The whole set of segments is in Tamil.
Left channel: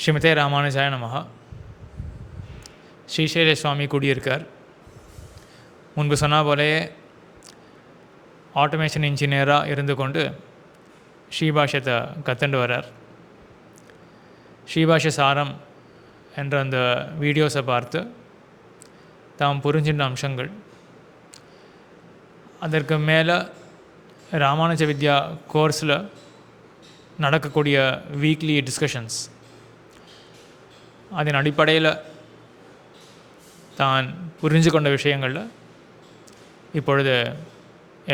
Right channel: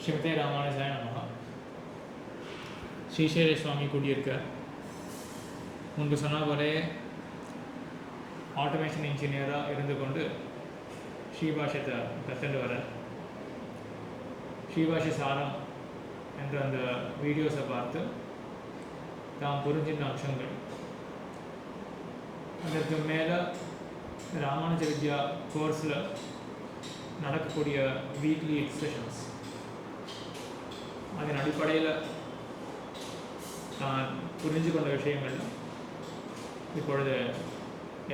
ஸ்ரீமதே ராமானுஜாய நமஹ. ஸ்ரீசைல சுவாமி கூடியிருக்கார். முன்பு சொன்ன போலே ஆட்டோமேஷன் இன்ஜினியராக இருந்து கொண்டு ஸ்ரீபாஷ்யத்தை கற்றுண்டு வரார். ஸ்ரீபாஷ்ய சாரம் என்ற அந்த வீடியோஸை பார்த்து தாம் புரிஞ்சின்ற அம்சங்கள், அதற்கு மேலே ராமானுஜ வித்யா கோர்ஸில் நடக்கக்கூடிய வீக்லி டிஸ்கஷன்ஸ், அதன் அடிப்படையில் தான் புரிஞ்சு கொண்ட விஷயங்களில் இப்பொழுது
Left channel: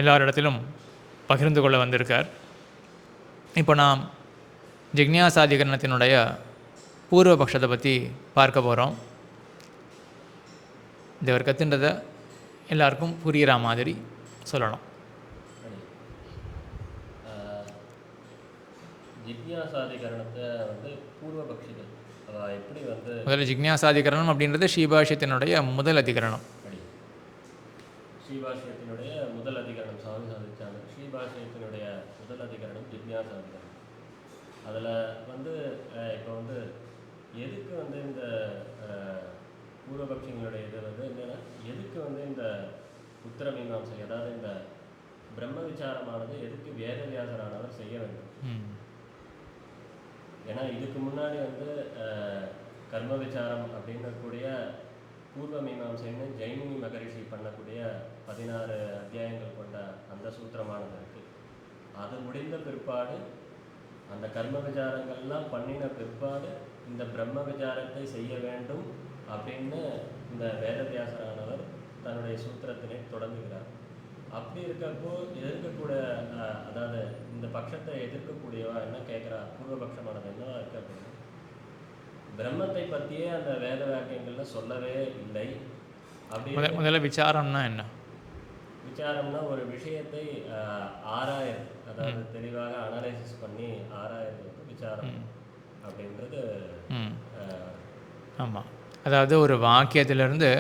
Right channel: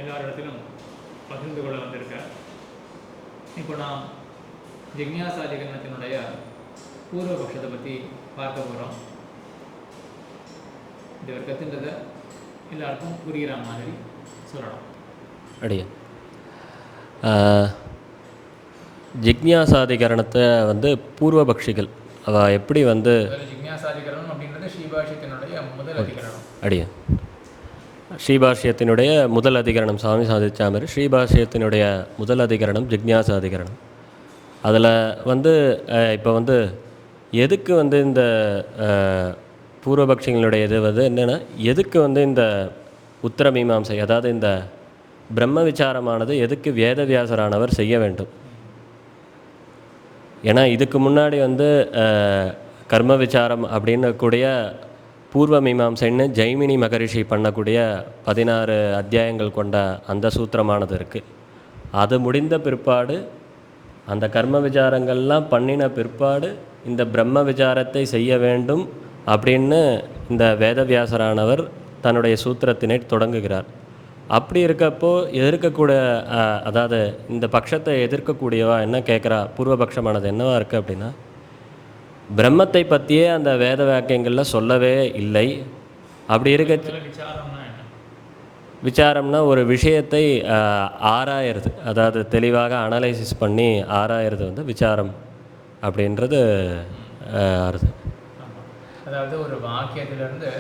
எல்லாரிடத்திலும் பகிர்ந்து கொள்ள வந்திருக்கார். இப்போ நாம் ஜிக்ஞாசாதிகரணத்தினுடைய பூர்வபக்ஷத்தை பற்றி பார்க்க போகிறோம். இது அவர் கற்றுன்றதை எல்லாருக்கும் புரிகிற மாதிரி சொல்லணும். அப்படியே ஜிக்ஞாசாதிகரணத்தை பூர்வபக்ஷிகள் அவள் எப்படி முதல்ல ஜிக்ஞாசாதிகரணம் அப்படின்றது ஸ்ரீபாஷ்யத்தினுடைய முதல் அதிகரணம். அப்படியே ஸ்ரீபாஷ்யத்தினுடைய முதல் அதிகரணம் சுவாமி சாதிச்சா மாதிரி ஸ்ரீபாஷ்யத்தினுடைய முதல் அதிகரணம் ஜிக்ஞாசாதிகரணம். அதில் இப்போ எதுக்கு இந்த பூர்வபக்ஷிகளுடைய இது என்னென்னா, எதுக்கு இந்த உத்தரமீமாம்சை, அதாவது இந்த பிரம்ம விசாரமானது எதுக்கு வேதவியாசரானவர் செய்ய வேண்டும். ஏன்னா இதுக்கு முன்னாடி கர்ம விசாரம் அப்படின்னு கூடிய பூர்வ மீமாம்சைன்னு ஜெய்மினி மகரிஷி பண்ணக்கூடிய 16 அத்தியாயங்கள் கொண்ட அந்த சூத்திரமானது இருக்குது. அது முடிந்த பிற்பாடு, அந்த கர்ம விசாரங்கள்லாம் பண்ணின பிற்பாடு இந்த பிரம்ம விசாரத்தை செய்ய வேண்டும் அப்படின்னு இந்த வேதவியாசரானவர் தன்னுடைய சூத்திரத்தினை தொடங்குகிறார். அப்படி இருக்கப்போ எதிர்க்கக்கூடிய, அதாவது இந்த பட்சத்தை எதிர்க்கக்கூடியவா என்ன கேட்குறா, பூர்வபக்ஷமானது என்னவா இருக்குது அப்படின்னா, பிரம்மத்தை பற்றியே அந்த வேத வாக்கியங்களில் சொல்லவே இல்லை. அப்படி இருக்க விசாரம்னா என்ன? விசாரம்னா ஒரு விஷயத்தை ஆராயிறது, அதாவது தெளிவாக அனலைசிஸ் பண்ணி ஆராயிறது விசாரம் அப்படின்றது ஆறுது. ஆமாம், அதாவது ஒரு வாக்கியத்திலிருந்து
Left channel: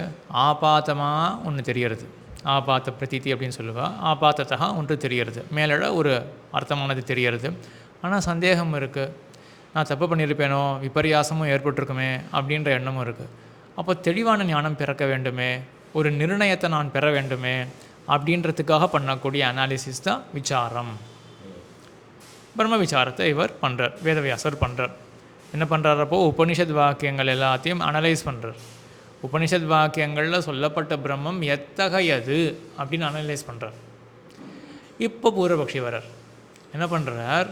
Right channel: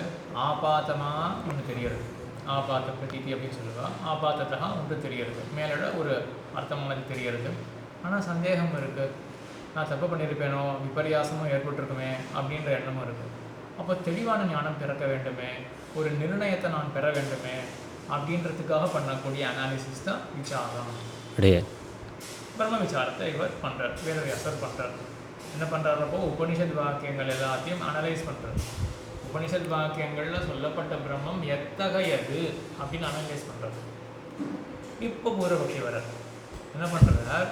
ஆபாத்தமாக ஒன்று தெரிகிறது, ஆபாத்த பிரதீதி அப்படின்னு சொல்லுவாள். ஆபாத்தத்தா ஒன்று தெரிகிறது, மேலோட ஒரு அர்த்தமானது தெரிகிறது. ஆனால் சந்தேகம் இருக்குது, நான் தப்பு பண்ணியிருப்பேனோ, விபரியாசமும் ஏற்பட்டிருக்குமே அப்படின்ற எண்ணமும் இருக்குது. அப்போ தெளிவான ஞானம் பிறக்க வேண்டுமே, ஒரு நிர்ணயத்தை நான் பெற வேண்டுமே அப்படின்றதுக்காக பண்ணக்கூடிய அனாலிசிஸ் தான் விசாரம். பிரம்ம விசாரத்தை இவர் பண்ணுறார், வேதவியாசர் பண்ணுறார். என்ன பண்ணுறாரப்போ உபனிஷத் வாக்கியங்கள் எல்லாத்தையும் அனலைஸ் பண்ணுறார். உபனிஷத் வாக்கியங்களில் சொல்லப்பட்ட பிரம்மம் எத்தகையது அப்படின்னு அனலைஸ் பண்ணுறார். இப்போ பூர்வபக்ஷி வரார், என்ன பண்ணுறார்,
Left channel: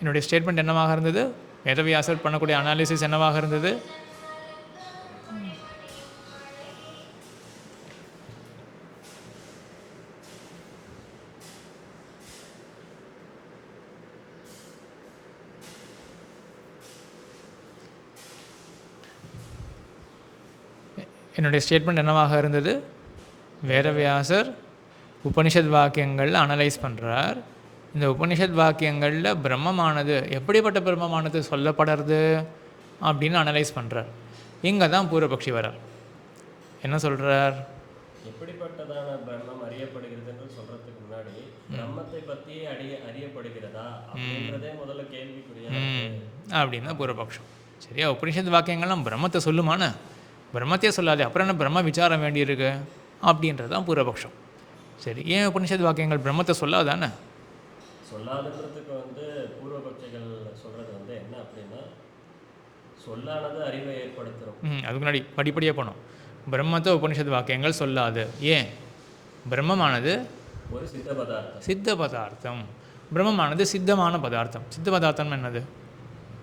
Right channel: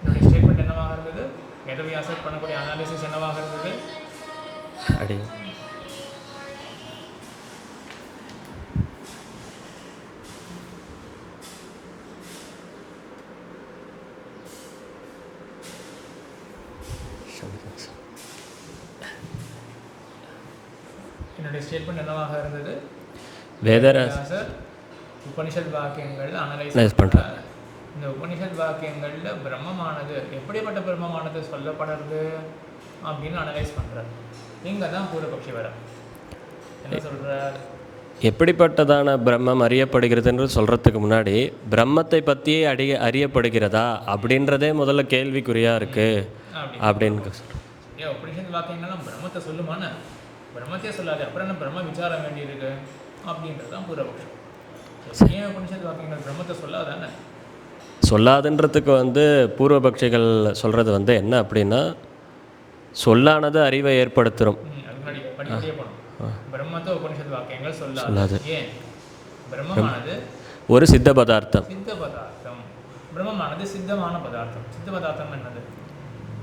என்னுடைய ஸ்டேட்மெண்ட் என்னவாக இருந்தது, வேதவியாசர் பண்ணக்கூடிய அனாலிசிஸ் என்னவாக இருந்தது, என்னுடைய ஸ்டேட்மெண்ட் என்னவாக இருந்தது, வேதவியாசர் உபனிஷத் வாக்கியங்களில் அனலைஸ் பண்ணுறார். இந்த உபனிஷத் வாக்கியங்களில் பிரம்மமானது எப்படிப்பட்ட பிரம்மமானது சொல்லப்படுறது அப்படின்னு அனலைஸ் பண்ணுறார். இங்கே தான் பூர்வபக்ஷி வரார். என்ன சொல்கிறார், எப்படிப்பட்டதான பிரம்மம் அறியப்படுகிறதுன்னு சொல்கிறதுக்கு முன்னாடி பிரம்மத்தை பற்றியே அறியப்படுகிறதா அப்படின்றதே முதல்ல கேள்விக்குறியாக இருக்குது அப்படின்னு. சரியா, உபனிஷத் வாக்கியங்கள்லாம் பிரம்மத்தை சொல்லுமான, பிரம்மத்தையே சொல்லாது, அப்புறம் என்ன பிரம்ம விசாரம் வேண்டியிருக்கு அப்படின்றது தான் பூர்வபக்ஷம். சரி, ஏன் உபனிஷத் வாக்கியங்கள் பிரம்மத்தை சொல்லாதானே? சொல்லாதுன்றதுக்கு பூர்வபக்ஷிகள் சொல்கிறது என்ன அப்படின்னா, சொல்லானது அறிவை ஏற்படுத்துகிறோம். அதுக்கு முன்னாடி படிப்படியாக போனோம். பிரம்மத்தை உபனிஷத் வாக்கியங்கள் சொல்லாது. ஏன்? பிரம்மமானது ஒரு சித்த பதார்த்தம். சித்த பதார்த்தம். பிரம்மமானது சித்தமான பதார்த்தம். சித்த பதார்த்தம் என்னது?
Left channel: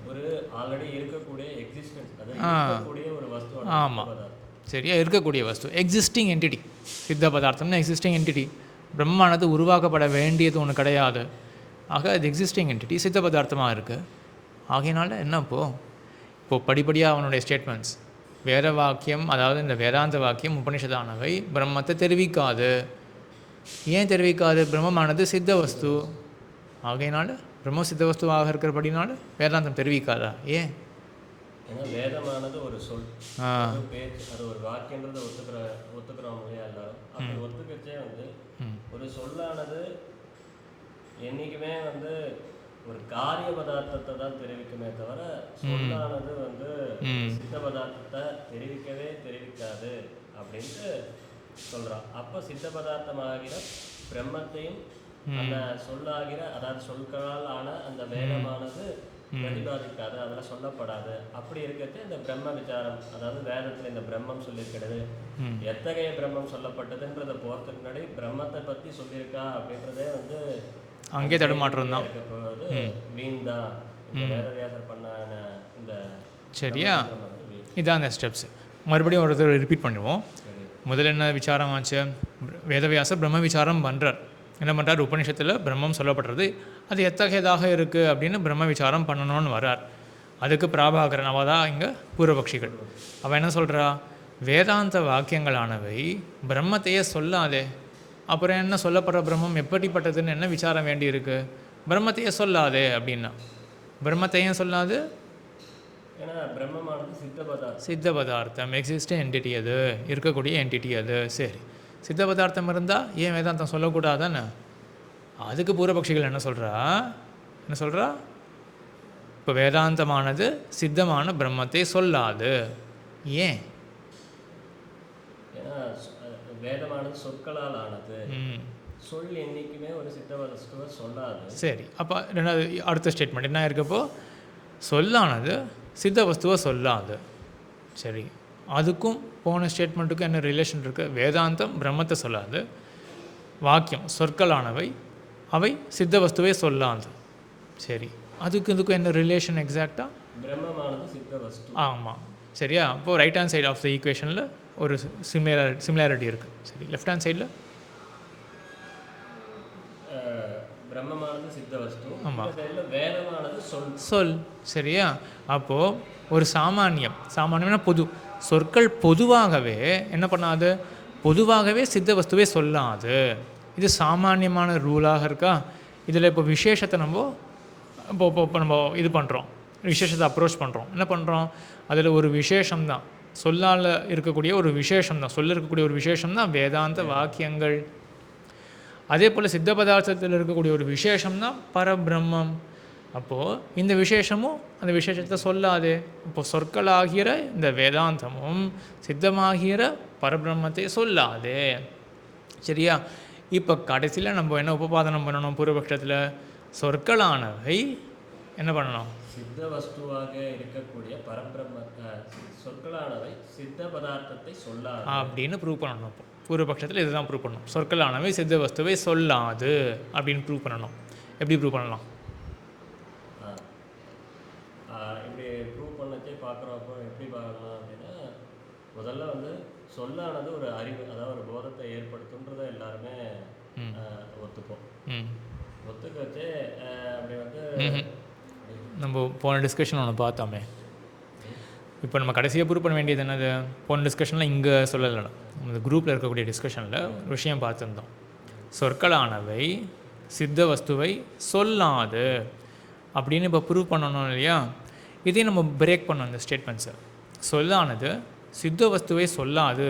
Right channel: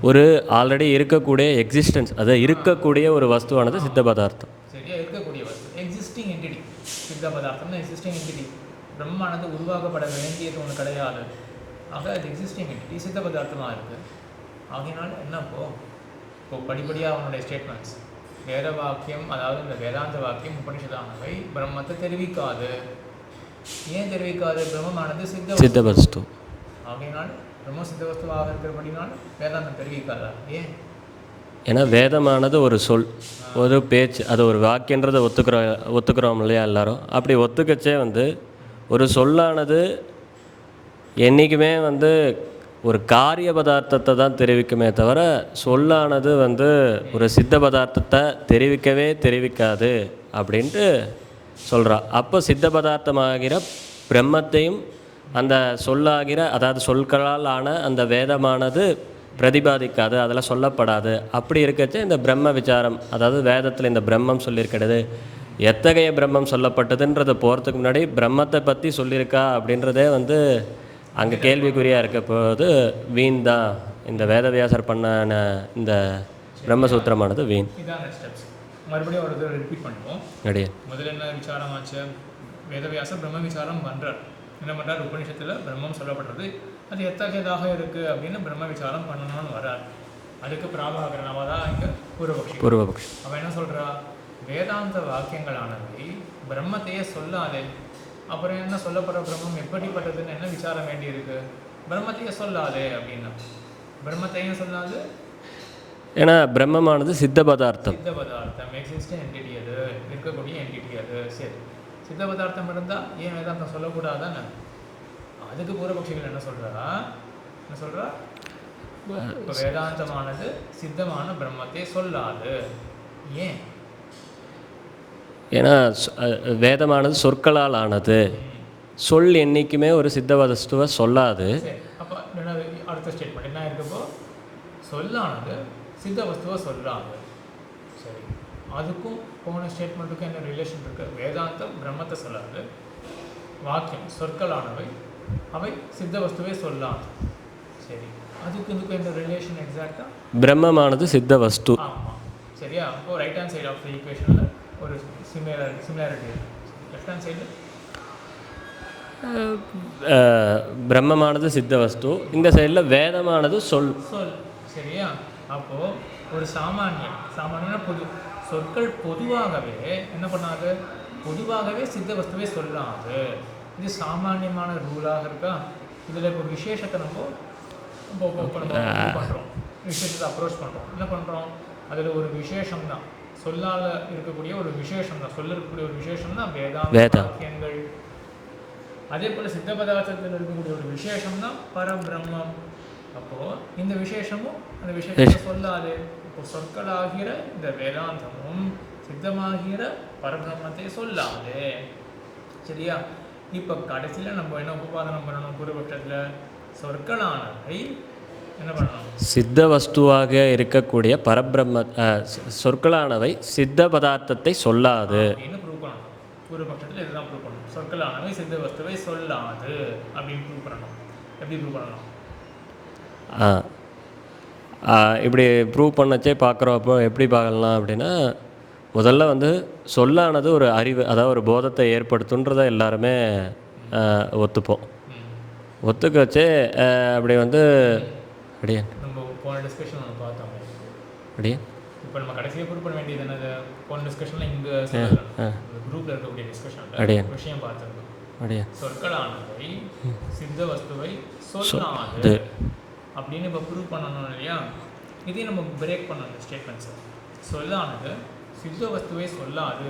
ஒரு ஆல்ரெடி இருக்கக்கூடிய எக்ஸிஸ்டன்ஸ், அதை இருக்கக்கூடிய ஒரு வஸ்துவானது சித்த பதார்த்தம். சரியா, இருக்கக்கூடிய வஸ்து, எக்ஸிஸ்டிங் என்டிட்டி. சித்த பதார்த்தம்னா எக்ஸிஸ்டிங் என்டிட்டி. பிரம்மமானது உருவாக்கப்பட வேண்டியது ஒன்று கிடையாது. ஆக அது எக்ஸிஸ்டிங் என்டிட்டி, சித்த பதார்த்தமாக இருக்குது. ஆகையினால என்ன இப்போ படிப்படியாக அவனுடைய ஸ்டேட்மெண்ட்ஸ், வேத வாக்கியம், அதாவது இந்த வேதாந்த வாக்கியம் உபனிஷதானவை பிரம்மத்தை தெரிவிக்காது. ஏன் தெரிவிக்காது? பிரம்மமானது சித்த வஸ்து. ஆகையினால பிரம்ம சித்த வஸ்துவாக இருக்கிறபடினால வேதாந்தம் தெரிவிக்காதா? ஏன்? ஏன்னா வேதமானது ஒரு சொல், ஒரு பேச்சு, அது ஒரு வாக்கியன்றதை ஒத்துக்கிறோம் இல்லையா எல்லாரும். அப்படி ஒத்துக்கச்சே ஒரு சொல்லானது என்றைக்குமே ஒரு காரிய பதார்த்தத்தை தான் தெரிவிக்குமே தவிர சொல்லானது வந்து ஒரு சித்த பதார்த்தத்தை தெரிவிக்காது அப்படின்ட்டு சொல்கிறா. அப்போ சித்த பதார்த்தமாகிற பிரம்மத்தையும் அந்த சொல்லாகிற, அதாவது சொற்களால் ஆன அந்த வேதமானது பிரதிபாதிக்காது, அதில் சொல்லப்படாது. அப்படி இருக்கச்சு இந்த பிரம்ம விசாரம், அதாவது வேதத்தில் இந்த பிரம்மம் சொல்லியிருக்கிறது, எத்தகைய பிரம்மம் சொல்லப்பட்டதுன்றதை போகிறதுக்கு முன்னாடி பிரம்மத்தை பற்றி சொல்லியிருக்கா அப்படின்றதே வந்து அங்கே கேள்விக்குறியாக இருக்க போது வீண் தான். இந்த வேதவியாசர் பண்ண இந்த பிரம்மசூத்திரமானது வீண். இதான் அந்த ஸ்டெப்ஸ். மறுபடியும் ஒரு தடவை ரிப்பீட் பண்ணுவோம். அப்படியே முதல்ல என்ன விசாரம் ஆச்சு? வேதவியாசர் பிரம்ம விசாரம் பண்ணுறார். என்ன பண்ணுறார்? உபநிஷத்தில் பிரம்மம் சொல்லப்படுறது, அது எத்தகையதாக இருக்குது அப்படின்னு பிரம்ம விசாரம் பண்ணணும்னு வர்றார். அதுக்கு பிராபாகரனவா தான் இங்கே பூர்வபக்ஷி. அவன் என்ன சொல்கிறா? வேதாந்த வாக்கியங்களானவை பிரம்மத்தையே சொல்லாதே, அப்புறம் என்ன சொல்லப்படுற பிரம்மம் எப்படிப்பட்டதுன்னு என்ன விசாரம் வேண்டி இருக்கு? பிரம்மத்தையே சொல்லாதே அப்படின்னா பிரம்மத்தையும் சொல்லாது. ஏன்னா பிரம்மமானது சித்த பதார்த்தம், எக்ஸிஸ்ட் என்டிட்டி, அது இருக்கக்கூடிய என்டிட்டி அது. சரி, சித்த பதார்த்தம் இருந்தால் ஏன் வேதாந்தம் சொல்லக்கூடாதானே? அதுக்கு பூர்வபக்ஷிகள் என்ன சொல்கிறா? இப்போ வேதாந்தமானது சித்தமான பிரம்மத்தை சொல்லாது. ஏன்? ஏன்னா வேதமானது சொற்களால் ஆனது, சொல் என்றைக்குமே ஒரு சித்த வஸ்துவை சொல்லாது. சரி, அப்போ ரெண்டாவது அடுத்த ஸ்டேட்மெண்ட் என்ன இருக்கப்போ? சொல்லானது சித்த வஸ்துவை சொல்லாது. சரி, அதுக்கும் போன ஸ்டேட்மெண்ட்டுக்கும் என்ன ரிலேஷன் இருக்குது? வேதாந்தம் பிரம்மத்தை சொல்லாது, வாக்கியம் சொற்களானவை அவை சித்த வஸ்துவை சொல்லாது. சரி, இதுக்கும் என்ன ரிலேஷன் எக்ஸாக்டாக? பிரம்மமானது சித்த வஸ்து. ஆமாம், சரியா? அப்போது right hand side of the ஈக்குவேஷனில் ஒரு சிமிலாரிட்டி இருக்குது. சரி, லெஃப்ட் ஹேண்ட் சைடில் பிரம்மமானது சித்த வஸ்து, இந்த சைடில் வேதமானது சொல். சரியா? அப்போது ஒரு சாமானியம்னா பொது சொற்கள் பொதுவாகவே என்ன பண்ணாது? பொதுவாகவே சித்த வஸ்துவே சொல்லாது. இது சாமானியமான ரூலாக இருக்கா? இதில் இப்போ விசேஷத்தை நம்ம இது பண்ணுறோம், விசேஷத்தை அப்ரோச் பண்ணுறோம். என்ன பண்ணுறோம்? அதில் ஒரு விசேஷம்தான், சொல்லால் இருக்கக்கூடிய ஒரு விசேஷம்தான், சொல்ல இருக்கக்கூடிய ஒரு விசேஷம்தான் வேதாந்த வாக்கியங்கள். அதே போல் சித்த பதார்த்தத்தில் இருக்கக்கூடிய ஒரு விசேஷம்தான் பரபிரம்மம். அப்போது இந்த விசேஷமும் அந்த விசேஷத்தை சொல்லாது. இப்போ சொற்களாகிற இந்த வேதாந்தமும் சித்தமாகிற பரபிரம்மத்தை சொல்லாது. சரியா? இப்போ கடைசியில் நம்ம என்ன உபபாதனம் பண்ணணும்? பூர்வபக்ஷத்தில் சொற்களானவை என்ன பண்ணணும்? சித்த வஸ்துவாக இருக்கக்கூடிய பரபிரம்ம சொற்களானவை சித்த பதார்த்தத்தை சொல்லாது அப்படின்னு ப்ரூவ் பண்ணணும். பூர்வபக்ஷத்தில் இதுதான் ப்ரூவ் பண்ணணும். சொற்களானவை சித்த வஸ்துவை சொல்லாது அப்படின்னு ப்ரூவ் பண்ணணும். எப்படி ப்ரூவ் பண்ணலாம்? இப்படி ப்ரூவ் பண்ணச்சே பார்க்குறப்போ எப்படி பார்க்கலாம் அப்படின்னா, முதல்ல வந்து சொல்லானது ஒரு அறிவு, அதாவது ஒரு போதத்தை ஏற்படுத்துன்றதை எல்லாருமே ஒத்துப்போம். ஒத்துக்க வச்சே அப்படி வந்து அப்படியே நம்ம போன டிஸ்கஷன் ஒன்று பார்த்தோமே. அப்படியே இப்போ நம்ம கடைசியாக ப்ரூவ் பண்ண வேண்டியது என்னது? போன டிஸ்கஷனில் இங்கே சொல்லலை, இந்த குரூப்பில் இருக்கக்கூடிய டிஸ்கஷனில் விஷயம் பார்த்துருந்தோம். சொற்களானவை சித்த வஸ்துவை சொல்லாது அப்படின்னு இப்போ ப்ரூவ் பண்ணணும் இல்லையா? இதையும் நம்ம பிரேக் பண்ணணும் இந்த ஸ்டேட்மெண்ட்ஸை. சொல்லானது சித்த வஸ்துவை சொல்லாது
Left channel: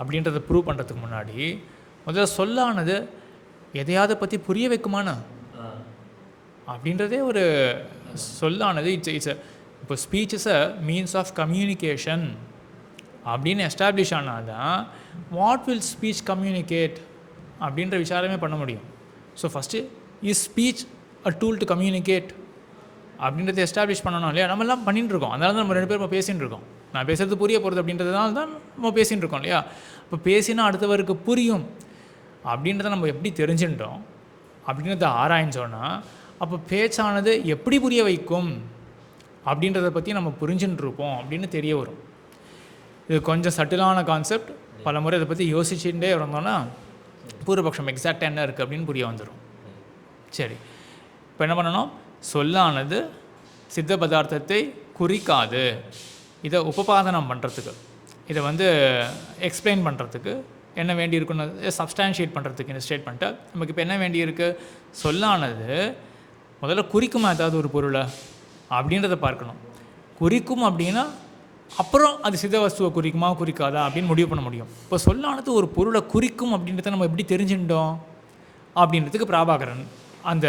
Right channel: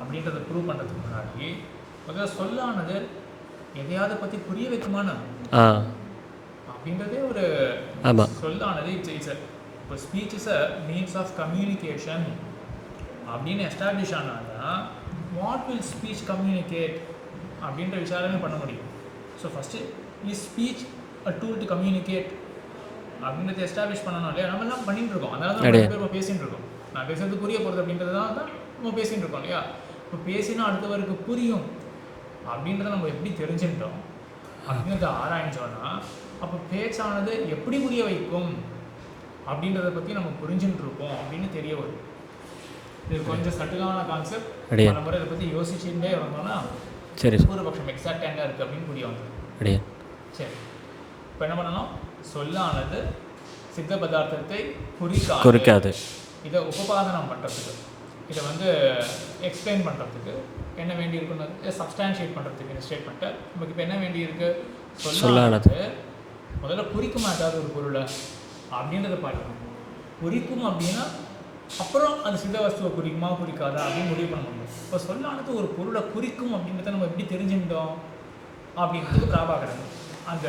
அப்படின்றத ப்ரூவ் பண்ணுறதுக்கு முன்னாடி முதல்ல சொல்லானது எதையாவது பற்றி புரிய வைக்குமானா அப்படின்றதே ஒரு சொல்லானது இட்ஸ் இப்போ speech is a means of communication அப்படின்னு எஸ்டாப்ளிஷ் ஆனால் தான் வாட் வில் ஸ்பீச் கம்யூனிகேட் அப்படின்ற விசாரமே பண்ண முடியும். So first is speech a tool to communicate அப்படின்றத எஸ்டாப்ளிஷ் பண்ணணும் இல்லையா? நம்மளாம் பண்ணிட்டு இருக்கோம். அதனால தான் நிறைய பேர் நம்ம பேசிகிட்டு இருக்கோம். நான் பேசுறது புரிய போகிறது அப்படின்றதுனால தான் நம்ம பேசிகிட்டு இருக்கோம் இல்லையா? இப்போ பேசினா அடுத்தவருக்கு புரியும் அப்படின்றத நம்ம எப்படி தெரிஞ்சுட்டோம் அப்படின்றத ஆராய்ஞ்சோன்னா அப்போ பேச்சானது எப்படி புரிய வைக்கும் அப்படின்றத பற்றி நம்ம புரிஞ்சுட்டு இருப்போம் அப்படின்னு தெரிய வரும். இது கொஞ்சம் சட்டிலான கான்செப்ட். பல முறை இதை பற்றி யோசிச்சுட்டே இருந்தோன்னா சரி பூர்வபக்ஷம் எக்ஸாக்டாக என்ன இருக்குது அப்படின்னு புரிய வந்துடும். சரி, இப்போ என்ன பண்ணணும்? சொல்லானது சித்த பதார்த்தத்தை குறிக்காது. இதை உபபாதனம் பண்ணுறதுக்கு, இதை வந்து எக்ஸ்பிளைன் பண்ணுறதுக்கு என்ன வேண்டி இருக்குன்னு சப்ஸ்டான்ஷியேட் பண்ணுறதுக்கு இந்த ஸ்டேட்மெண்ட்டை நமக்கு இப்போ என்ன வேண்டியிருக்கு? சொல்லானது முதல்ல குறிக்குமா ஏதாவது ஒரு பொருளை அப்படின்றத பார்க்கணும். குறிக்கும் அப்படின்னா அப்புறம் அது சித்த வஸ்துவை குறிக்குமா குறிக்காதா அப்படின்னு முடிவு பண்ண முடியும். இப்போ சொல்லானது ஒரு பொருளை குறிக்கும் அப்படின்றத நம்ம எப்படி தெரிஞ்சுட்டோம் அப்படின்றதுக்கு பிராபாகரன் அந்த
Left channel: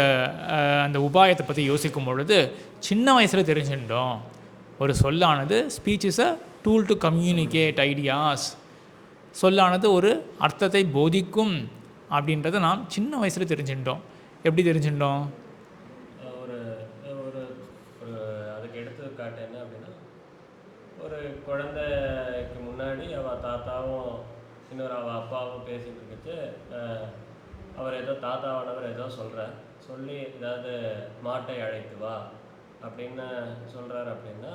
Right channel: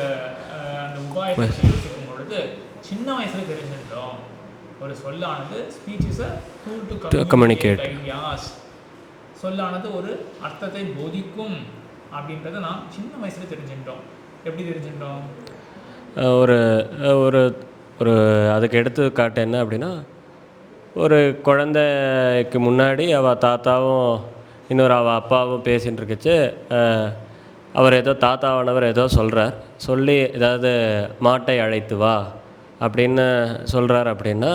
அந்த உபாயத்தை பற்றி யோசிக்கும் பொழுது சின்ன வயசில் தெரிஞ்சுட்டோம். ஒரு சொல்லானது speech is a tool to communicate ideas. சொல்லானது ஒரு அர்த்தத்தை போதிக்கும் அப்படின்றத நாம் சின்ன வயசில் தெரிஞ்சுட்டோம். எப்படி தெரிஞ்சுட்டோம்? ஒரு ஒரு ஒரு அதுக்கு எடுத்துக்காட்டு என்ன அப்படின்னா, ஒரு குழந்தைக்கு முன்னாடி அவள் தாத்தாவும் இன்னொரு அவள் அப்பாவும் பேசின்னு இருக்குச்சு. அவர் ஏதோ தாத்தாவானவர் ஏதோ சொல்கிறார். சொல்லி ஏதாவது மாட்டை அழைத்து வா அப்படின்னு சொல்கிறார். அப்படின்னா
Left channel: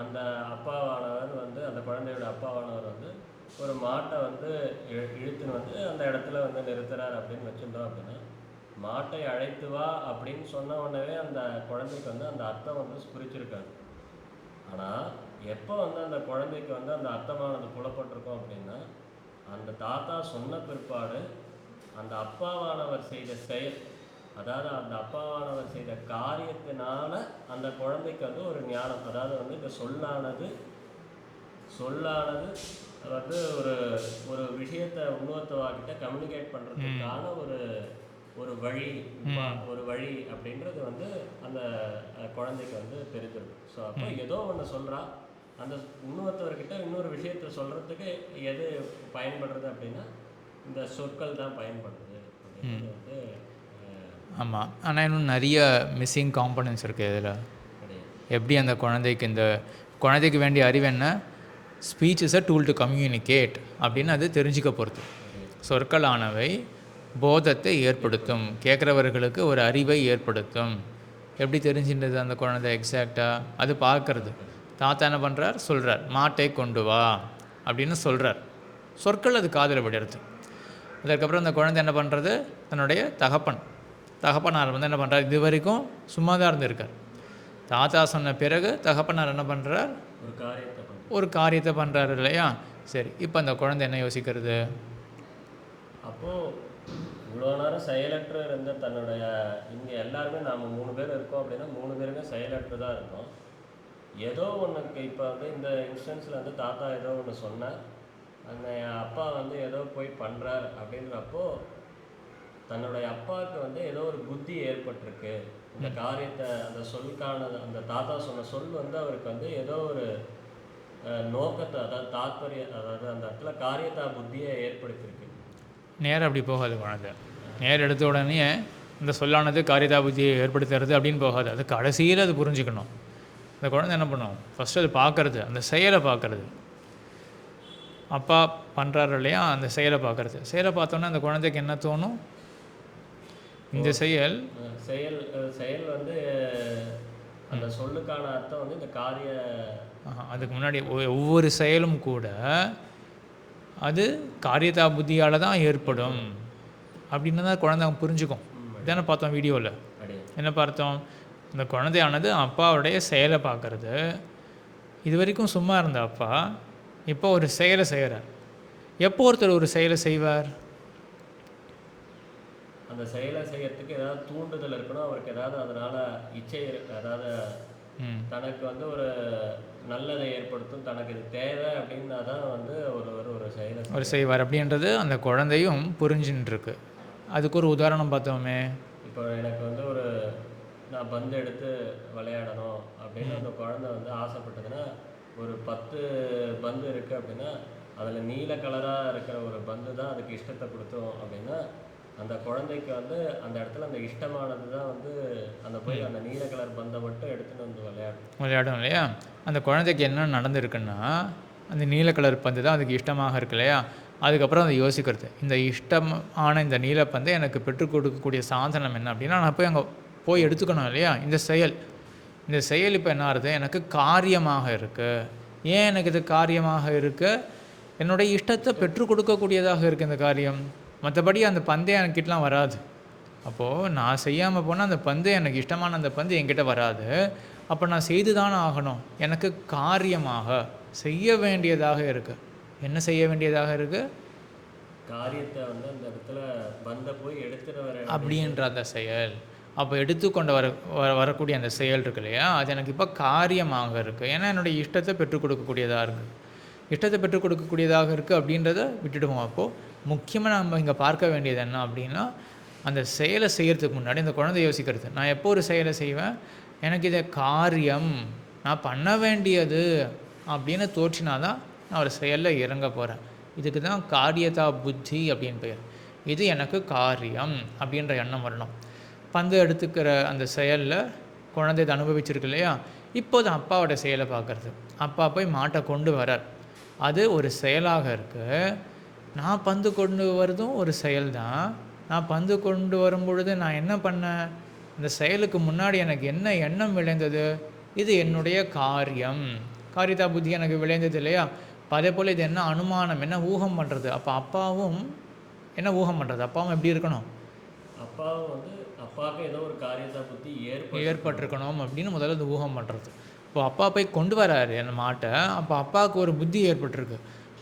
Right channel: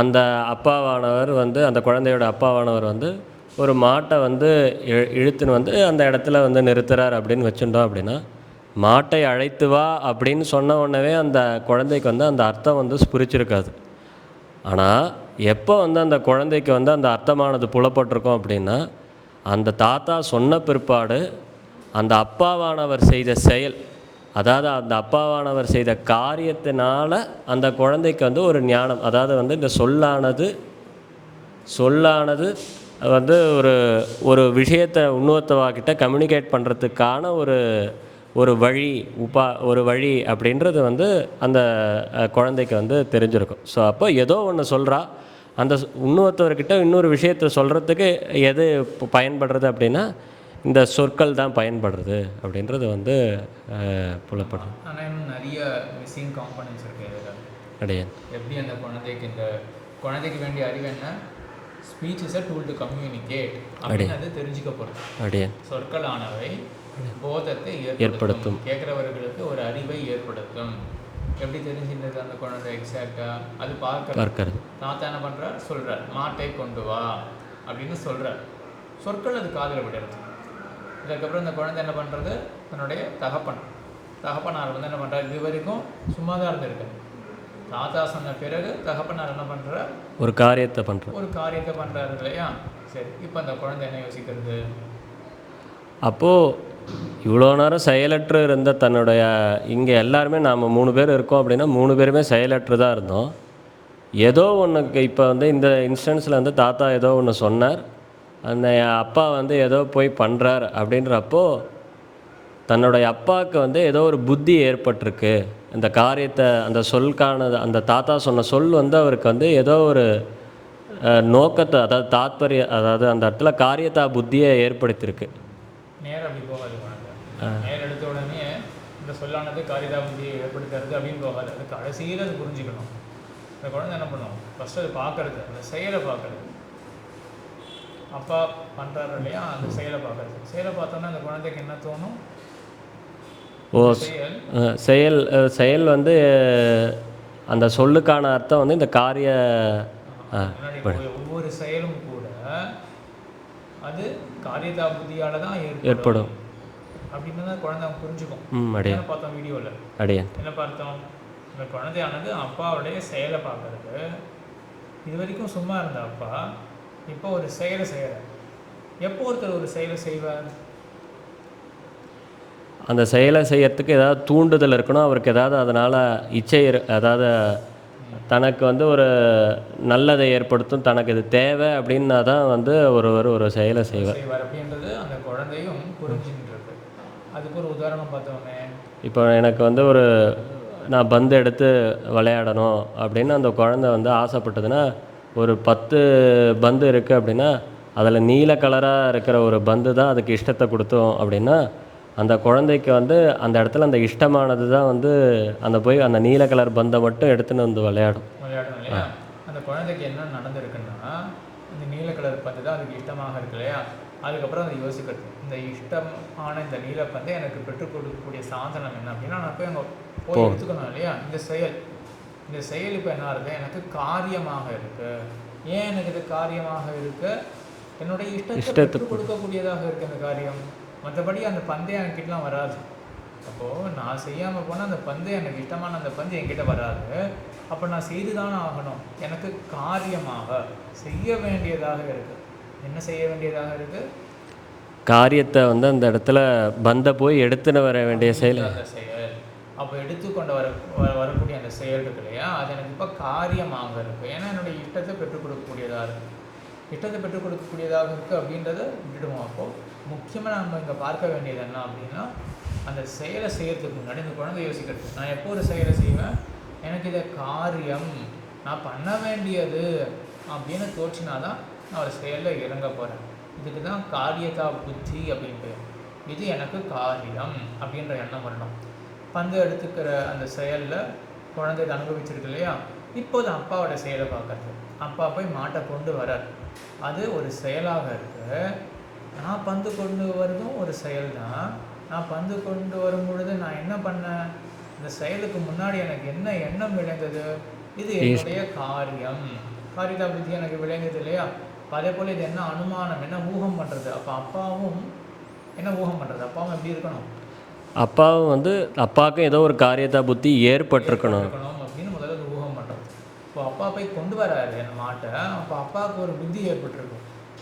அந்த அப்பாவானவர் வந்து அந்த குழந்தையோட அப்பாவானவர் வந்து ஒரு மாட்டை வந்து இழுத்துன்னு வந்து அந்த இடத்துல வந்து நிறுத்துறார் அப்படின்னு வச்சுட்டோம். அப்படின்னா மாட்டை அழைத்து வா அப்படின்னு சொன்ன உடனே அந்த குழந்தைக்கு வந்து அந்த அர்த்தம் வந்து ஸ்புரிச்சிருக்காது. ஆனால் எப்போ வந்து அந்த குழந்தைக்கு வந்து அந்த அர்த்தமானது புலப்பட்டிருக்கோம் அப்படின்னா, அந்த தாத்தா சொன்ன பிற்பாடு அந்த அப்பாவானவர் செய்த செயல், அதாவது அந்த அப்பாவானவர் செய்த காரியத்தினால அந்த குழந்தைக்கு வந்து ஒரு ஞானம், அதாவது வந்து இந்த சொல்லானது வந்து ஒரு ஒரு விஷயத்தை இன்னொருத்தவாக்கிட்ட கம்யூனிகேட் பண்ணுறதுக்கான ஒரு வழி அப்படின்றது வந்து அந்த குழந்தைக்கு வந்து தெரிஞ்சிருக்கும். ஸோ அப்போ ஏதோ ஒன்று சொல்கிறா, அந்த இன்னொருத்தவர்கிட்ட இன்னொரு விஷயத்தை சொல்கிறதுக்கு எது பயன்படுறது அப்படின்னா இந்த சொற்கள் தான் பயன்படுறது அப்படின்றது வந்து புலப்படும். ஆனால் இன்னும் நிறைய மிஸ்ஸிங் காம்பனன்ட்ஸ் இருக்குது இதில். கிடையாது. எப்படி அந்த குழந்தைக்கு வேண்டிய அறிவு என்ன? Speech is a tool to communicate அப்படின்னு அது தெரிஞ்சுக்க போகிறது. கிடையாது. சொற்களானவை போதத்தை ஏற்படுத்தும், கேட்குறவர்களுக்கு ஒரு அறிவை ஏற்படுத்தும். எப்படி தெரிஞ்சின்றது அந்த குழந்தை எக்ஸாக்டாக? அது பார்க்கறது. தாத்தா என்ன பண்ணுறார்? சொல்கிறார், மாட்டை கொண்டு வா அப்படின்னு சொல்கிறார். சொற்கள் அது காதில் விடுறது. அதுக்கப்புறம் அந்த குழந்தை என்ன பண்ணுறது? தன்னுடைய தகப்பனார் வந்து என்ன பண்ணுறார்? இது வரைக்கும் சும்மா தான் இருந்திருக்கார். தாத்தா சொன்ன பிறகு தகப்பனார் என்ன பண்ணுறார்? ஒரு காரியத்தை பண்ணுறாரு இல்லையா? சரி, இப்போ அந்த குழந்தை என்ன யோசிக்கிறது? அப்போது இவ்வளோ நேரம் செயலற்று இருந்த தன்னுடைய, இங்கே எல்லாருமே நாம் 3 பேர் இருக்கோம் அப்படின்னா 3 பேருமே செயலற்று தான் இருந்தோம். ஏதோ ஒன்று இப்போ வந்து இந்த இன்ஸ்டன்ஸில் வந்து தாத்தா ஏதோ ஒன்று சொன்னார், அந்த அப்பா வந்து ஏதோ போய் பண்ணுறார் அப்படின்றப்போ தன்னுடைய அப்பாவுக்கு வந்து ஏதோ ஒரு புத்தி ஏற்பட்டிருக்கு. இந்த காரியத்தை அந்த சொல்கான அந்த தாத்தா சொன்ன சொல் வந்து அவருக்கு வந்து ஏதோ ஒரு நோக்கத்தை, அதாவது அந்த இடத்துல காரியத்தா புத்தியை ஏற்படுத்தியிருக்கு. நேரம் அப்படி போகாது குழந்தை. நேரம் எடுத்த உடனே இந்த சொல்லானது காரியதா புத்தியை ஏற்படுத்துறது அப்படின்னு போகாது. அது கடைசியில் அது புரிஞ்சுக்கணும். அந்த குழந்தை என்ன பண்ணும்? ஃபஸ்ட்டு அது பார்க்குறது, அந்த செயலை பார்க்குறது. அப்பா பண்ணுறாரு இல்லையா, அந்த செயலை பார்த்தோன்னா அந்த குழந்தைக்கு என்ன தோணும்? செயல் வந்து அந்த சொல்லுக்கான அர்த்தம் வந்து இந்த முன்னாடி ஒவ்வொரு செயலும் கூட அது காரியதா புத்தியால் தான் ஏற்படும் அப்படின்னு தான் குழந்தை புரிஞ்சுக்கும். என்ன பார்த்தோம் வீடியோவில்? என்ன பார்த்தோம்? இந்த குழந்தையானது அப்பாவுடைய செயலை பார்க்கறது. இது வரைக்கும் சும்மா இருந்த அப்பா இப்போ ஒரு செயலை செய்கிறார். எப்போ ஒருத்தர் ஒரு செயலை செய்வார்? அந்த செயலை செய்யறதுக்கு ஏதாவது தூண்டுதல் இருக்கணும் அவருக்கு. ஏதாவது அதனால் இச்சை, அதாவது தனக்கு வந்து ஒரு நல்லதை ஏற்படுத்தும், தனக்கு இது தேவை அப்படின்னா தான் வந்து ஒரு செயலை செய்வார் அப்படின்றது அந்த குழந்தையும் புரிஞ்சுன்னு இருக்கு. அதுக்கு ஒரு உதாரணம் பார்த்தோமே. இப்போ எனக்கு வந்து நான் பந்து எடுத்து விளையாடணும் அப்படின்னு அந்த குழந்தை வந்து ஆசைப்பட்டதுன்னா, ஒரு 10 பந்து இருக்குது அப்படின்னா அதில் நீல கலராக இருக்கிற ஒரு பந்து தான் அதுக்கு இஷ்டத்தை கொடுத்தோம் அப்படின்னா, அந்த குழந்தைக்கு வந்து அந்த இடத்துல அந்த இஷ்டமானது தான் வந்து போய் அந்த நீல கலர் பந்தை மட்டும் எடுத்துன்னு வந்து விளையாடும் இல்லையா? அந்த குழந்தைக்கு என்ன நடந்திருக்குன்னா, அந்த நீல கலர் பந்து தான் அதுக்கு இஷ்டமாக இருக்கு இல்லையா? அதுக்கப்புறம் அதை யோசிக்கிறது, இந்த இஷ்டமான இந்த நீலப்பந்தை எனக்கு பெற்றுக் கொடுக்கக்கூடிய சாதனம் என்ன அப்படின்னா, நான் போய் அங்கே போய் எடுத்துக்கணும் இல்லையா? இந்த செயல் இப்போ என்ன ஆகுது? எனக்கு காரியமாக இருக்குது. ஏன் எனக்கு இது காரியமாக இருக்குது? என்னுடைய இஷ்டத்தை பெற்றுக் கொடுக்கக்கூடியதாக இருக்குது இந்த காரியம். மற்றபடி அந்த பந்தே என்கிட்டலாம் வராது. அப்போது நான் செய்யாமல் போனால் அந்த பந்து, எனக்கு இஷ்டமான அந்த பந்து என்கிட்ட வராது. அப்போ நான் செய்து தானே ஆகணும். எனக்கு காரியமாக செய்ய வேண்டியதாக இருக்குது. என்ன செய்ய வேண்டியதாக இருக்குது? காரியத்தை வந்து அந்த இடத்துல பந்தை போய் எடுத்துன்னு வர வேண்டிய செயல். அந்த செயல் அப்போ எடுத்துக்கொண்டு வரக்கூடிய அந்த செயல் இருக்கு இல்லையா? அது எனக்கு இப்போ காரியமாக இருக்குது. ஏன்னா என்னுடைய இஷ்டத்தை பெற்றுக் கொடுக்கக்கூடியதாக இருக்குது. இஷ்டத்தை பெற்றுக் கொடுக்கக்கூடியதாக இருக்குது அப்படின்றத விட்டுடுவோம். அப்போது முக்கியமாக நம்ம இங்கே பார்க்க வேண்டியது என்ன அப்படின்னா, அந்த செயலை செய்கிறதுக்கு முன்னாடி அந்த குழந்தை யோசிக்கிறது, நான் எப்போ ஒரு செயலை செய்வேன், எனக்கு இதை காரியம் நான் பண்ண வேண்டியது அப்படின்னு தோற்றினாதான் நான் ஒரு செயலில் இறங்க போகிறேன். இதுக்கு தான் காரியதா புத்தி அப்படின்னு பெயர். இது எனக்கு காரியம் அப்படின்ற எண்ணம் வரணும். பந்து எடுத்துக்கிற அந்த செயலில் குழந்தை இதை அனுபவிச்சிருக்கு இல்லையா, இப்போது அப்பாவோட செயலை பார்க்குறது. அப்பா போய் மாட்டை கொண்டு வரார், அது ஒரு செயலாக இருக்குது. நான் பந்து கொண்டு வரதும் ஒரு செயல் தான். நான் பந்து கொண்டு வரும் பொழுது நான் என்ன பண்ணேன், இந்த செயலுக்கு முன்னாடி எனக்கு என்ன எண்ணம் விளைந்தது, இது என்னுடைய காரியம். காரியதா புத்தி எனக்கு விளைந்தது இல்லையா. அதே போல் இது என்ன அனுமானம், என்ன ஊகம் பண்ணுறது. அப்போ அப்பாவும் என்ன ஊகம் பண்ணுறது, அப்பாவும் எப்படி இருக்கணும், அப்பாவும் வந்து அப்பாவுக்கும் ஏதோ ஒரு காரியதா புத்தி ஏற்பட்டிருக்கணும் அப்படின்னு முதல்ல இந்த ஊகம் பண்ணுறது. இப்போ அப்பா போய் கொண்டு வராரு அந்த மாட்டை, அப்போ அப்பாவுக்கு ஒரு புத்தி ஏற்பட்டிருக்கு,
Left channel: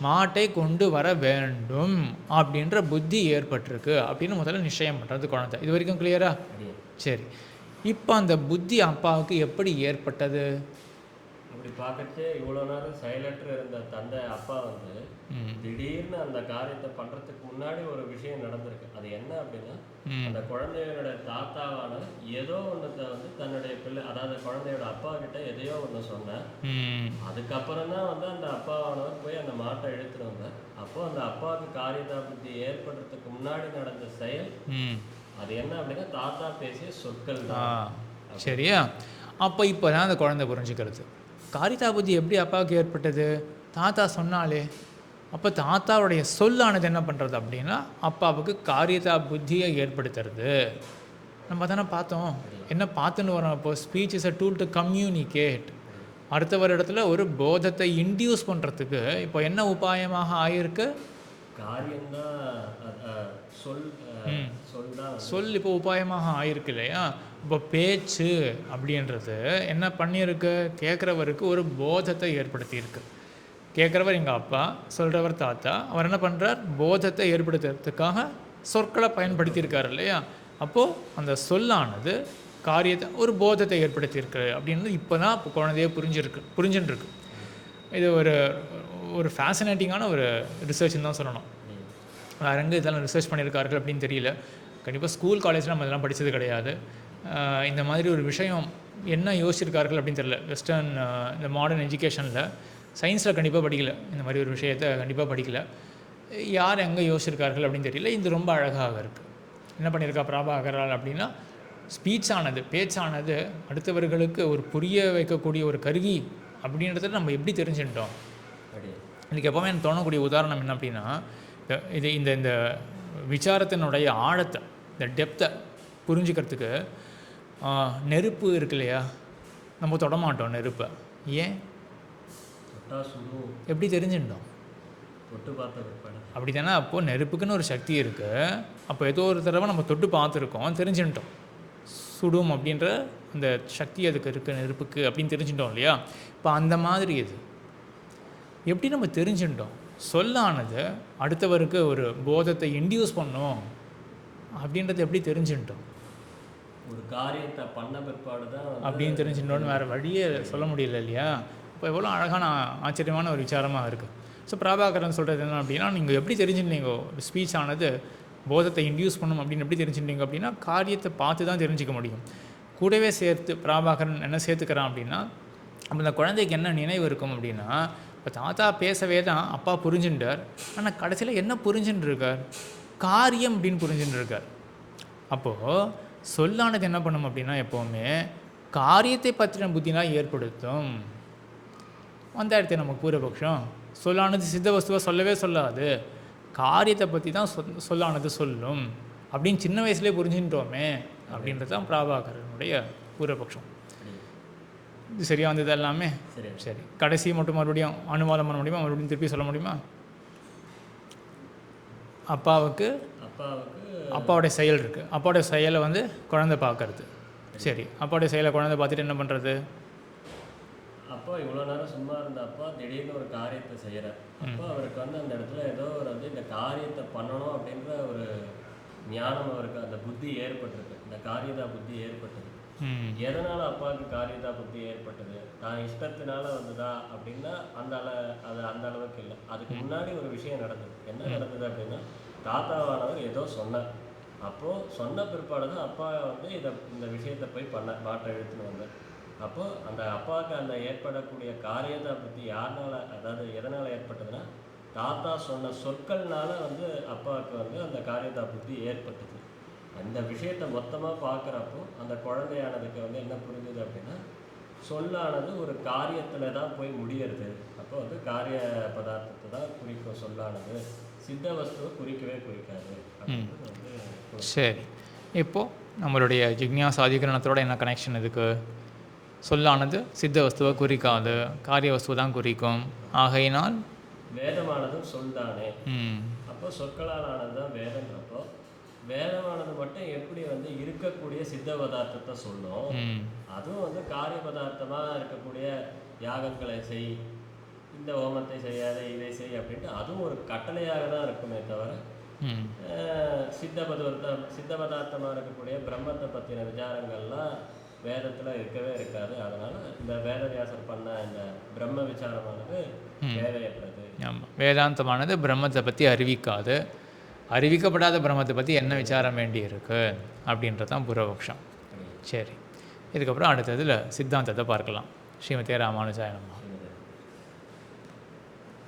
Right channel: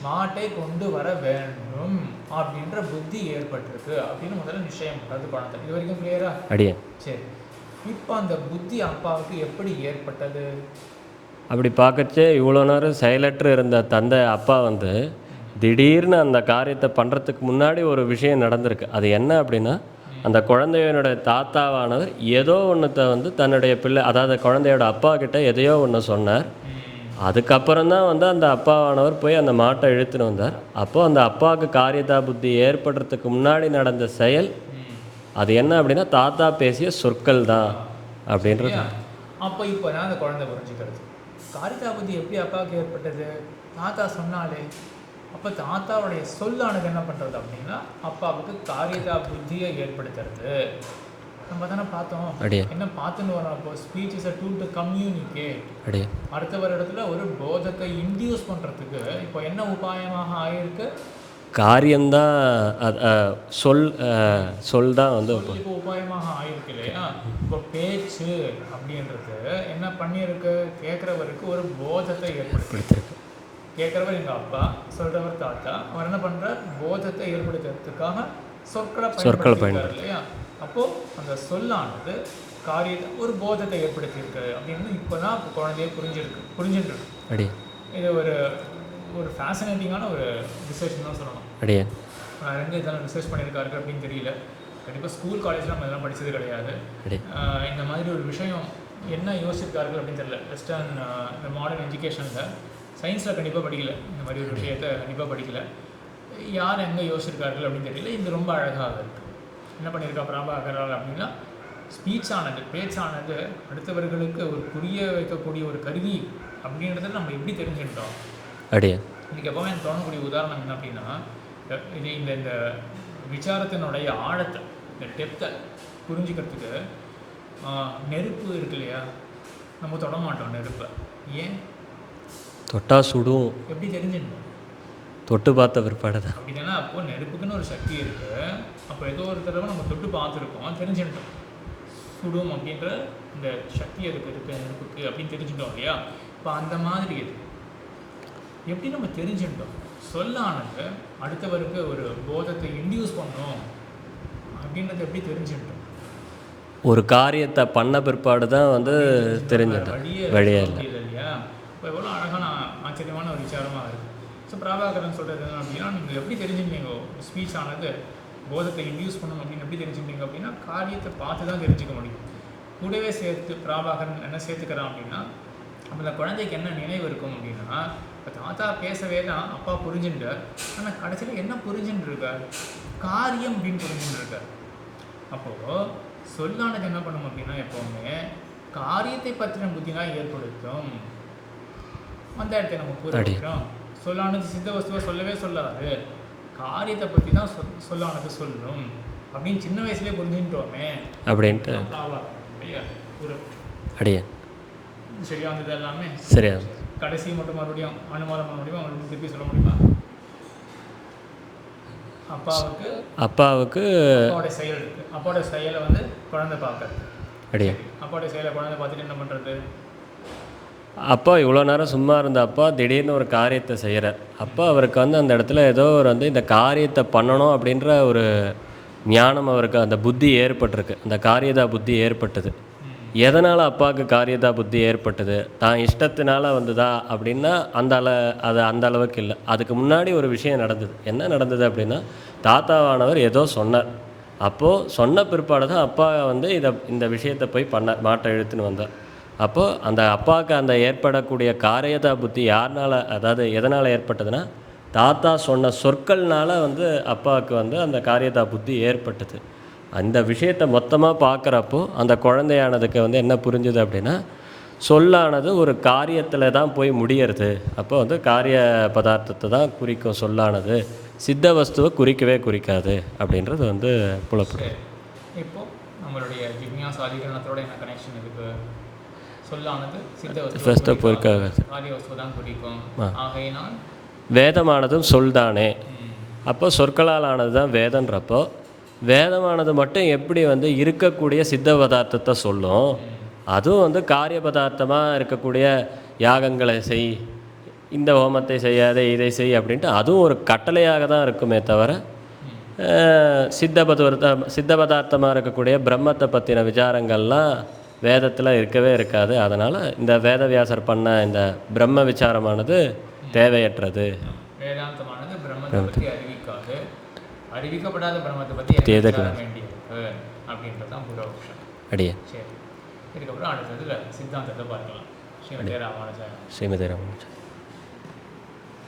மாட்டை கொண்டு வர வேண்டும் அப்படின்ற புத்தி ஏற்பட்டிருக்கு அப்படின்னு முதல்ல நிச்சயம் பண்ணுறது குழந்தை. இது வரைக்கும் கிளியரா? அடியே. சரி, இப்போ அந்த புத்தி அப்பாவுக்கு எப்படி ஏற்பட்டது? அப்படி பார்க்கச்சே இவ்வளோ நேரம் செயலற்று இருந்த தந்தை அப்பா வந்து திடீர்னு அந்த காரியத்தை பண்ணுறதுக்கு முன்னாடி ஒரு விஷயம் நடந்திருக்கு. அது என்ன அப்படின்னா, அந்த குழந்தையோட தாத்தாவானவர் ஏதோ ஒன்றத்தை வந்து தன்னுடைய பிள்ளை, அதாவது குழந்தையோட அப்பா கிட்ட எதையோ ஒன்று சொன்னார். அதுக்கப்புறம் தான் வந்து அந்த அப்பாவானவர் போய் அந்த மாட்டை இழுத்துன்னு வந்தார். அப்போது அந்த அப்பாவுக்கு காரியதா புத்தி ஏற்படுறதுக்கு முன்னாடி நடந்த செயல் அது என்ன அப்படின்னா, தாத்தா பேசிய சொற்கள் தான் அப்படின்றது. அப்போ இப்போ தான் அந்த குழந்தை புரிஞ்சுக்கிறது, காரியதா புத்தி எப்படி அப்பாவுக்கு ஏற்பட்டது, தாத்தா சொன்னாலே. அப்போ தாத்தாவுடைய சொல்லானது என்ன பண்ணுறது அப்படின்னா, அப்பாவுக்கு காரியதா புத்தியை ஏற்படுத்துறது. நம்ம தானே பார்த்தோம், என்ன பார்த்துன்னு வரோம். அப்போ speech is a tool to communicate. அடுத்தவர் இடத்துல ஒரு போதத்தை இன்டியூஸ் பண்ணுறதுக்கு இப்போ என்ன உபாயமாக ஆகியிருக்கு, காரியம்தான். சொல் சொல் தான் வந்து சொல் இப்போ உபாயமாக ஆயிருக்கு இல்லையா. இப்போ பேச்சு அப்படின்றது என்ன பண்ணியிருக்கு, கேட்குறவருக்கு ஒரு போதத்தை ஏற்படுத்தியிருக்கு. கேட்குறவர் எங்கள் அப்பா, சொல்கிறவர் தாத்தா. அவர் என்ன பண்ணுறார், போதத்தை ஏற்படுத்துறதுக்காக சொற்களை பயன்படுத்தியிருக்காரு இல்லையா. அப்போது அந்த சொல்லானது காரியத்தை ஒரு போதத்தை ஏற்படுத்தியிருக்கு அப்படின்னு இப்போ தான் இப்போ குழந்தைய புரிஞ்சுட்டு இருக்கு. இது ஒரு ஃபேசினேட்டிங்கான ஒரு ரிசர்ச்னு தான் சொல்லணும். வேறு எங்கே இதெல்லாம் ரிசர்ச் பண்ணியிருக்கார்கள் அப்படின்னு தெரியல. கண்டிப்பாக ஸ்கூல் காலேஜில் நம்ம இதெல்லாம் படித்தது கிடையாது. இந்த மாதிரி ஒரு விஷயம் என்ன யோசிச்சிருக்கார்கள் அப்படின்னு தெரியல. வெஸ்டர்ன் இந்த மாடர்ன் எஜுகேஷனில் சயின்ஸில் கண்டிப்பாக படிக்கல, இந்த மாதிரி ஒரு விஷயத்தை கண்டிப்பாக படிக்கல. யார் எங்கே யோசிச்சிருக்கார்கள் அப்படின்னு தெரியல. இது ரொம்ப அழகாக இருக்குது. என்ன பண்ணியிருக்கா பிரபாகரால் அப்படின்னா, ஸ்பீச் ஆனது, பேச்சானது அடுத்தவர்களுக்கு ஒரு புரிய வைக்கக்கூடிய ஒரு கருவி அப்படின்றத நம்ம எப்படி தெரிஞ்சுட்டோம். இதுக்கு எப்போவுமே எனக்கு தோணக்கூடிய உதாரணம் என்ன அப்படின்னா, இது இந்த இந்த விசாரத்தினுடைய ஆழத்தை, இந்த டெப்த்தை புரிஞ்சுக்கிறதுக்கு நெருப்பு இருக்கு இல்லையா, நம்ம தொடமாட்டோம் நெருப்பை. ஏன்? தொட்டா சுடும். எப்படி தெரிஞ்சுட்டோம்? தொட்டு பார்த்த பிற்பாடு தான். அப்படி தானே. அப்போது நெருப்புக்குன்னு ஒரு சக்தி இருக்குது. அப்போ ஏதோ ஒரு தடவை நம்ம தொட்டு பார்த்துருக்கோம், தெரிஞ்சுட்டோம். சுடும் அப்படின்ற அந்த சக்தி அதுக்கு இருக்குது நெருப்புக்கு அப்படின்னு தெரிஞ்சுட்டோம் இல்லையா. இப்போ அந்த மாதிரி இது எப்படி நம்ம தெரிஞ்சுட்டோம், சொல்லானது அடுத்தவருக்கு ஒரு போதத்தை இன்டியூஸ் பண்ணும் அப்படின்றத எப்படி தெரிஞ்சுட்டோம்? ஒரு காரியத்தை பண்ண பிற்பாடு தான் வந்து தெரிஞ்சுட்டோம். வழியே முடியல இல்லையா. இப்போ எவ்வளோ அழகான ஆச்சரியமான ஒரு விசாரமாக இருக்குது. ஸோ பிரபாகரன் சொல்கிறது என்ன அப்படின்னா, நீங்கள் எப்படி தெரிஞ்சுட்டீங்க ஸ்பீச் ஆனது போதத்தை இன்டியூஸ் பண்ணும் அப்படின்னு எப்படி தெரிஞ்சுட்டீங்க அப்படின்னா, காரியத்தை பார்த்து தான் தெரிஞ்சிக்க முடியும். கூடவே சேர்த்து பிரபாகரன் என்ன சேர்த்துக்கிறான் அப்படின்னா, அப்போ இந்த குழந்தைக்கு என்ன நினைவு இருக்கும் அப்படின்னா, இப்போ தாத்தா பேசவே தான் அப்பா புரிஞ்சுட்டார், ஆனால் கடைசியில் என்ன புரிஞ்சுட்டு இருக்கார், காரியம் அப்படின்னு புரிஞ்சுட்டு இருக்கார். அப்போது சொல்லானது என்ன பண்ணும் அப்படின்னா, எப்போவுமே காரியத்தை பற்றின புத்தினா ஏற்படுத்தும். அந்த இடத்த நம்ம பூர்வபக்ஷம், சொல்லானது சித்த வஸ்துவை சொல்லவே சொல்லாது, காரியத்தை பற்றி தான் சொல்லானது சொல்லும் அப்படின்னு சின்ன வயசுலேயே புரிஞ்சுட்டோமே அப்படின்ட்டு தான் பிரபாகரனுடைய பூர்வபக்ஷம். இது சரியா வந்தது எல்லாமே? சரியா. சரி, கடைசி மட்டும் மறுபடியும் அனுவாதம் பண்ண முடியுமா, மறுபடியும் திருப்பி சொல்ல முடியுமா? அப்பாவுக்கு அப்பாவுடைய செயல் இருக்குது. அப்பாவுடைய செயலை வந்து குழந்தை பார்க்கறது. சரி, அப்பாவுடைய செயலை குழந்தை பார்த்துட்டு என்ன பண்ணுறது? அப்பா இவ்வளோ நேரம் சும்மா இருந்த அப்பா திடீர்னு ஒரு காரியத்தை செய்கிறார். அப்போ அவருக்கு வந்து அந்த இடத்துல ஏதோ ஒரு வந்து இந்த காரியத்தை பண்ணணும் அப்படின்ற ஒரு ஞானம் அவருக்கு, அந்த புத்தி ஏற்பட்டிருக்கு, அந்த காரியதா புத்தி ஏற்பட்டது. எதனால் அப்பாவுக்கு காரியதா புத்தி ஏற்பட்டது, தான் இஷ்டத்தினால வந்துதா அப்படின்னா அது அந்த அளவுக்கு இல்லை. அதுக்கு முன்னாடி ஒரு விஷயம் நடந்தது. என்ன நடந்தது அப்படின்னா, தாத்தாவானவர் ஏதோ சொன்னார். அப்போது சொன்ன பிற்பாடு தான் அப்பா வந்து இந்த விஷயத்தை போய் மாட்டை இழுத்துன்னு வந்தார். அப்போது அந்த அப்பாவுக்கு அந்த ஏற்படக்கூடிய காரியதா புத்தி யாருனால, அதாவது எதனால் ஏற்பட்டதுன்னா, தாத்தா சொன்ன சொற்கள்னால வந்து அப்பாவுக்கு வந்து அந்த காரியதா புத்தி ஏற்பட்டது. அந்த விஷயத்தை மொத்தமாக பார்க்குறப்போ அந்த குழந்தையானதுக்கு வந்து என்ன புரிஞ்சுது அப்படின்னா, சொல்லானது ஒரு காரியத்தில் தான் போய் முடியறது. அப்போ வந்து காரிய பதார்த்தத்தை தான் குறிக்கும் சொல்லானது, சித்த வஸ்துவை குறிக்கவே குறிக்காது அப்படின்றது வந்து புலப்படும். சரி, இப்போது நம்மளுடைய ஜிக்ஞாசா அதிகரணத்தோட என்ன கனெக்ஷன் இதுக்கு? சொல்லானது சித்த வஸ்துவை குறிக்காது, காரிய வஸ்துவை தான் குறிக்கும். ஆகையினால் வேதமானதும் சொல்தானே. அப்போ சொற்களால் ஆனது தான் வேதன்றப்போ, வேதமானது மட்டும் எப்படி வந்து இருக்கக்கூடிய சித்த பதார்த்தத்தை சொல்லும், அதுவும் வந்து காரிய பதார்த்தமாக இருக்கக்கூடிய யாகங்களை செய், இந்த ஹோமத்தை செய்யாதே, இதை செய் அப்படின்ட்டு அதுவும் ஒரு கட்டளையாக தான் இருக்குமே தவிர, சித்த பதார்த்தமாக இருக்கக்கூடிய பிரம்மத்தை பற்றின விசாரங்கள்லாம் வேதத்தில் இருக்கவே இருக்காது. அதனால் இந்த வேதவியாசர் பண்ண இந்த பிரம்ம விசாரமானது தேவையற்றது. வேதாந்தமானது பிரம்மத்தை பற்றி அறிவிக்காது, அறிவிக்கப்படாத பிரம்மத்தை பற்றி என்ன விசாரம் வேண்டியிருக்கு அப்படின்றது தான் பூர்வபக்ஷம். அடியே. சரி, இதுக்கப்புறம் அடுத்ததில் சித்தாந்தத்தை பார்க்கலாம். ஸ்ரீமதி ராமானுஜாயம். ஸ்ரீமதி ராமானுஜாயம்.